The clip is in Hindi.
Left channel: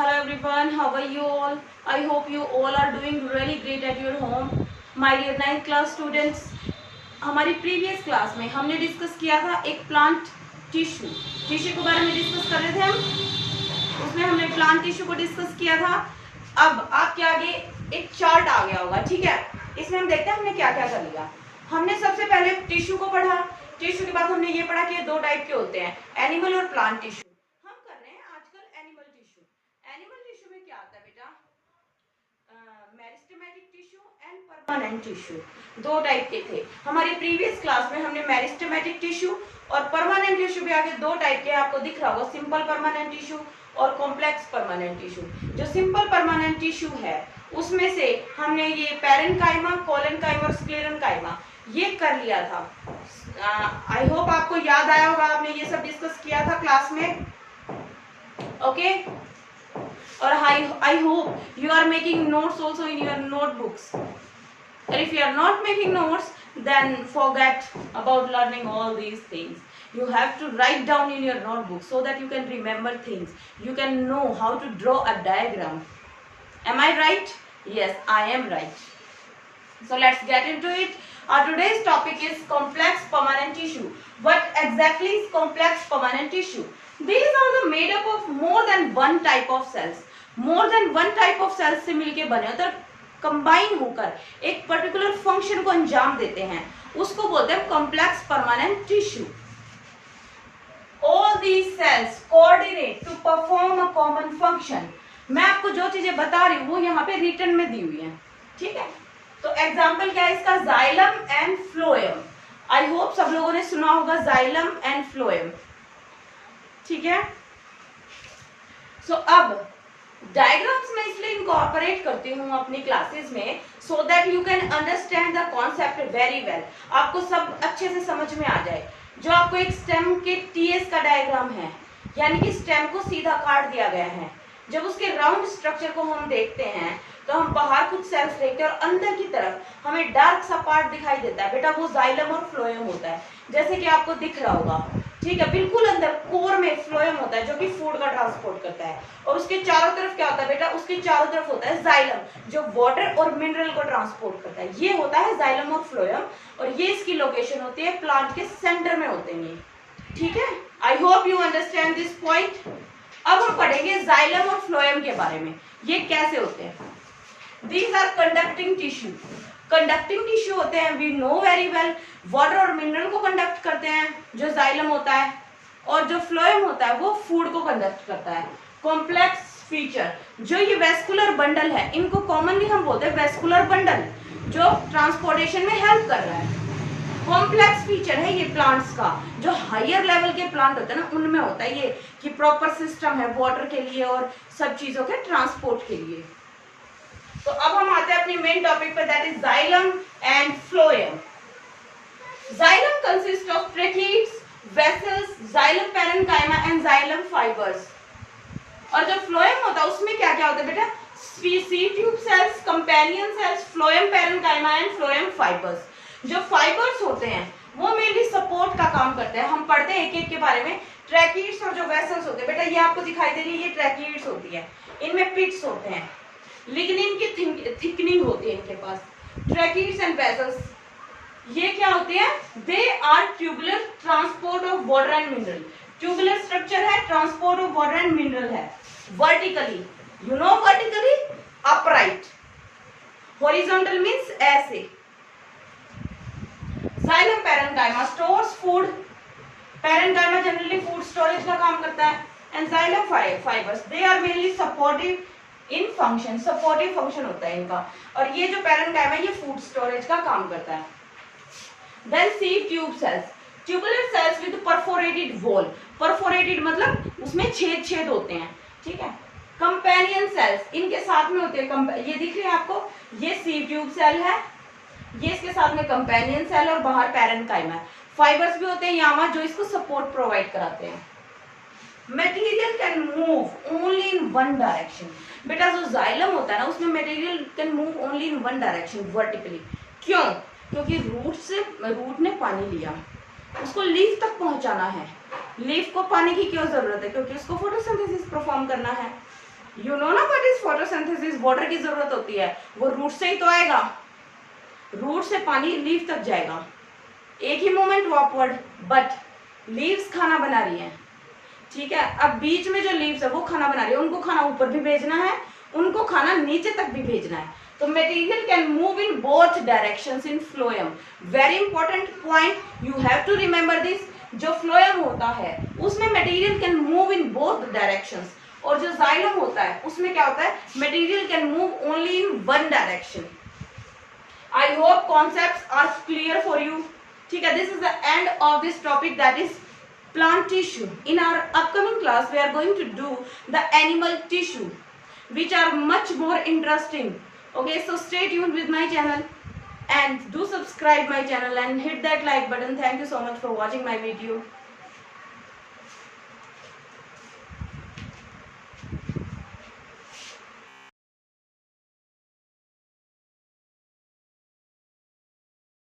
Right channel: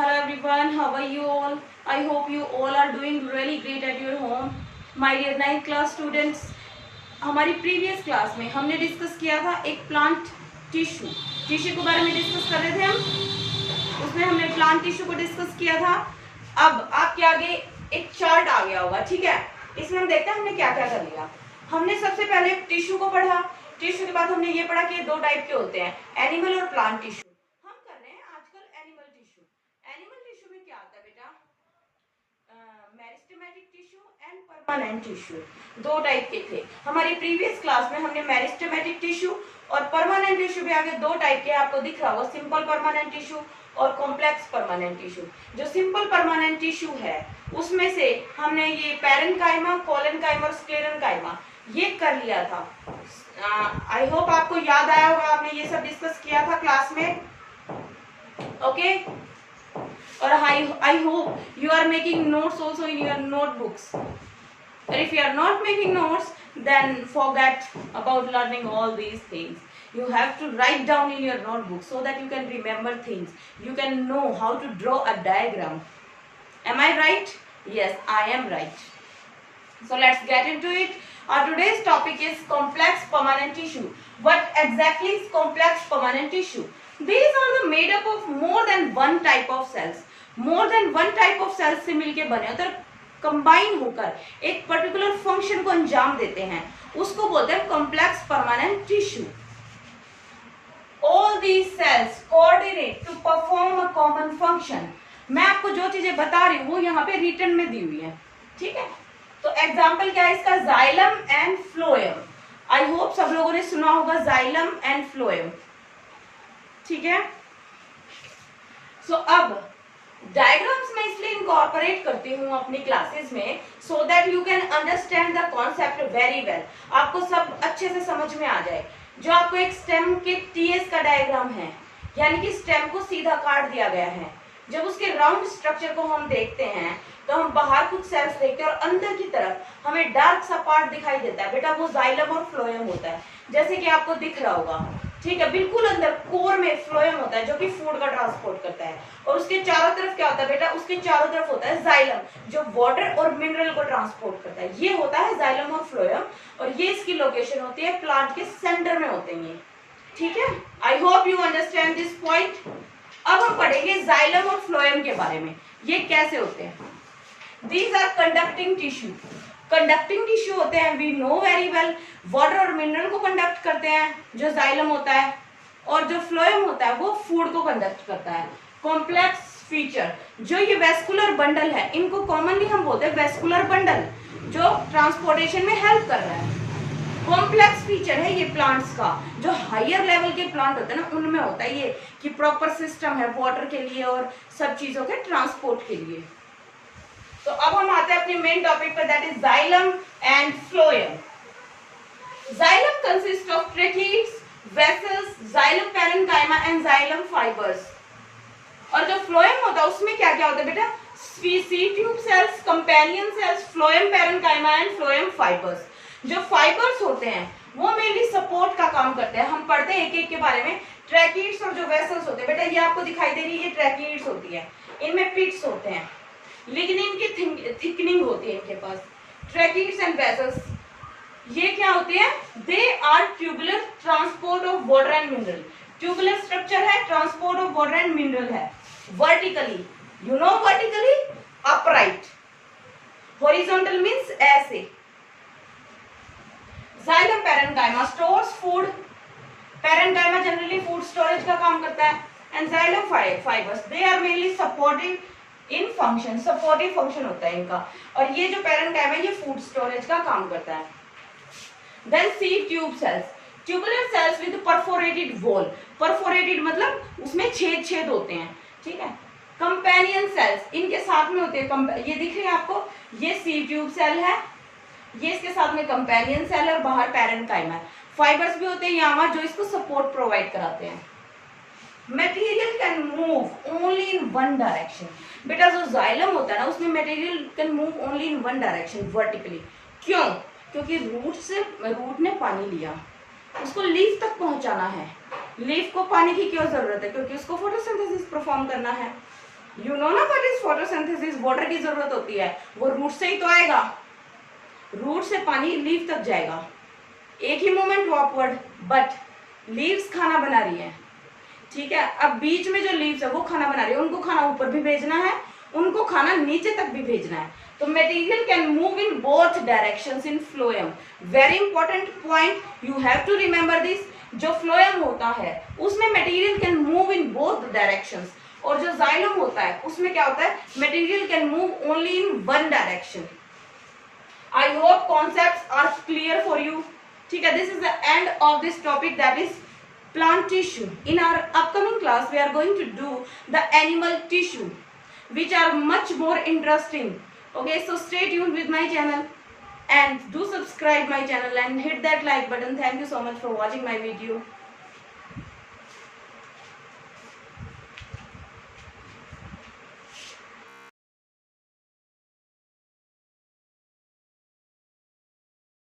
Hello everyone, how are you all? I hope you all are doing really great at your home. My dear 9th class students, हमारी प्रीवियस क्लास में हमने डिस्कस किया था एक प्लांट टिश्यू के बारे में डिस्कस कर रहे थे हम। उसमें हमने प्लांट टिश्यू को डिस्कस किया था। अब आपके आगे एक चार्ट आ गया होगा, ठीक है। इसमें हम देखते हैं हमने क्या क्या कर लिया। हमने सबसे पहले टिश्यू को पढ़ा। टिश्यू के बाद हमने ये पढ़ा कि दो टाइप के होते हैं, एनिमल और प्लांट टिश्यू। हम कर रहे हैं आजकल एनिमल टिश्यू। एनिमल टिश्यू में क्या आता है बेटा, meristematic tissue and permanent tissue, दो टाइप के थे। हमारी प्रीवियस क्लास में हमने मेरिस्टेमेटिक टिश्यू और परमानेंट टिश्यू भी आगे दो टाइप के आपको दिख रहा होगा, सिंपल परमानेंट टिश्यू और कॉम्प्लेक्स परमानेंट टिश्यू। जो सिंपल परमानेंट टिश्यू है उसमें से हमने ये पैरेन्काइमा, कोलेनकाइमा और स्क्लेरेन्काइमा ये कर लिया था। आई होप आपको याद आया होगा, आपने ये सब डिस्कस किया था क्लास में, ओके। और I hope you are making notes also in your notebooks. And if you are not making notes, then forget about learning all these things. You have to write down in your notebook so that you can remember things. You can know how to draw a diagram. Am I right? Yes, I am right. So let's get into it. Our today's topic is complex permanent tissue. What exactly is complex permanent tissue? These are the made up of more than one type of cells. More than one type of cells से मिलके बने होते हैं, कंबाइन होकर एक पर्टिकुलर फंक्शन को अंजाम देते हैं, उसको बोलते हैं complex permanent tissue. All these cells coordinate to perform a common function. मैं आपको जो चीजें बता रही हूँ वो यहाँ पे रिटन में दी हुई है, ठीक है। तो एग्जाम्पल क्या है इसका, xylem and phloem. I hope सब लोगों ने सुना होगा जाइलम एंड फ्लोएम, ठीक है। सो अब डायग्राम्स में इसलिए इनकॉर्पोरेट करती हूँ अपनी क्लासेस में, so that you can understand the concept very well, आपको सब अच्छे से समझ में आ जाए। जो आपको एक स्टेम के टीएस का डायग्राम है, यानी कि स्टेम को सीधा काट दिया गया है। जब उसके राउंड स्ट्रक्चर को हम देखते हैं तो हम बाहर कुछ सेल्स देखते हैं और अंदर की तरफ हमें डार्क सा पार्ट दिखाई देता है, बेटा वो जाइलम और फ्लोएम होता है, जैसे कि आपको दिख रहा होगा, ठीक है। बिल्कुल अंदर कोर में फ्लोएम होता है जो कि फूड का ट्रांसपोर्ट करता है, और उसके चारों तरफ क्या होता है बेटा, उसके चारों तरफ होता है जाइलम जो वाटर और मिनरल को ट्रांसपोर्ट करता है। ये होता है जाइलम और फ्लोएम, और ये इसकी लोकेशन होती है प्लांट के सेंटर में होते हैं, ठीक है। I hope you understand this point. अब हम पढ़ेंगे जाइलम और फ्लोएम के बारे में, ये कैसे होते हैं। These are conducting tissue. Conducting tissue होते हैं, we know very well, water और मिनरल को कंडक्ट करते हैं जो जाइलम होता है, और जो फ्लोएम होता है वो फूड को कंडक्ट करता है। कॉम्प्लेक्स फीचर, जो ये वेस्कुलर बंडल है, इनको कॉमनली हम बोलते हैं वेस्कुलर बंडल, जो ट्रांसपोर्टेशन में हेल्प कर रहा है। कॉम्प्लेक्स फीचर है ये प्लांट्स का, जो हायर लेवल के प्लांट होते हैं ना उनमें होता है ये, कि प्रॉपर सिस्टम है वाटर के लिए और सब चीजों के ट्रांसपोर्ट के लिए। तो अब हम आते हैं अपनी मेन टॉपिक पे, that is xylem and phloem. Xylem consist of tracheids, vessels, xylem parenchyma and xylem fibres. और जो फ्लोएम होता है उसमें क्या क्या होता है बेटा, seed tube sales, companion cells, phloem parenchyma and phloem fibres. जो फाइबर्स होते हैं वो मेनली सपोर्ट का काम करते हैं। हम पढ़ते हैं एक एक के बारे में। ट्रैकीड्स और जो वेसल्स होते हैं बेटा, ये आपको दिखाई दे रही है, ये ट्रैकीड्स होती है, इनमें पिट्स होते हैं, लेकिन इनकी थिकनिंग होती है इनके पास। ट्रैकीड्स एंड वेसल्स ये क्या होते हैं, they are tubular transport of water and mineral. Tubular structure है, transport of water and mineral है। Vertically, you know vertically, upright, horizontal means ऐसे। Xylem parenchyma stores food, parenchyma generally food storage का काम करता है, and xylem fibres they are mainly supportive in function, supportive function होता है इनका, और ये जो पैरेन्काइमा है ये फूड स्टोरेज का काम करता है। Then sieve tube cells, tubular cells with perforated wall, perforated मतलब उसमें छेद छेद होते हैं, ठीक है। कंपेनियन सेल्स इनके साथ में होते हैं, ये दिख रही है आपको, ये सीड ट्यूब सेल है, ये इसके साथ में कंपेनियन सेल है और बाहर पैरेन्काइमा है। फाइबर्स भी होते हैं यहाँ जो इसको सपोर्ट प्रोवाइड कराते हैं। Material can move only in one direction, बेटा जो जाइलम होता है ना उसमें material can move only in one direction vertically. क्यों? क्योंकि रूट ने पानी लिया, उसको लीफ तक पहुंचाना है। लीफ को पानी की क्यों जरूरत है? क्योंकि उसको फोटोसिंथेसिस परफॉर्म करना है। यू नो ना व्हाट इज फोटोसिंथेसिस, वाटर की जरूरत होती है, वो रूट से ही तो आएगा, रूट से पानी लीफ तक जाएगा, एक ही मूवमेंट हुआ अपवर्ड, बट लीव्स खाना बना रही है, ठीक है। अब बीच में जो लीव्स है वो खाना बना रही है, उनको खाना ऊपर भी भेजना है, उनको खाना नीचे तक भी भेजना है। तो material can move in both directions in phloem. Very important point, you have to remember this. जो फ्लोएम होता है उसमें material can move in both directions, और जो जाइलम होता है उसमें क्या होता है, material can move only in one direction. I hope concepts are clear for you, ठीक है। This is the end of this topic, that is plant tissue. In our upcoming class we are going to do the animal tissue, which are much more interesting. Okay, so stay tuned with my channel and do subscribe my channel and hit that like button. Thank you so much for watching my video.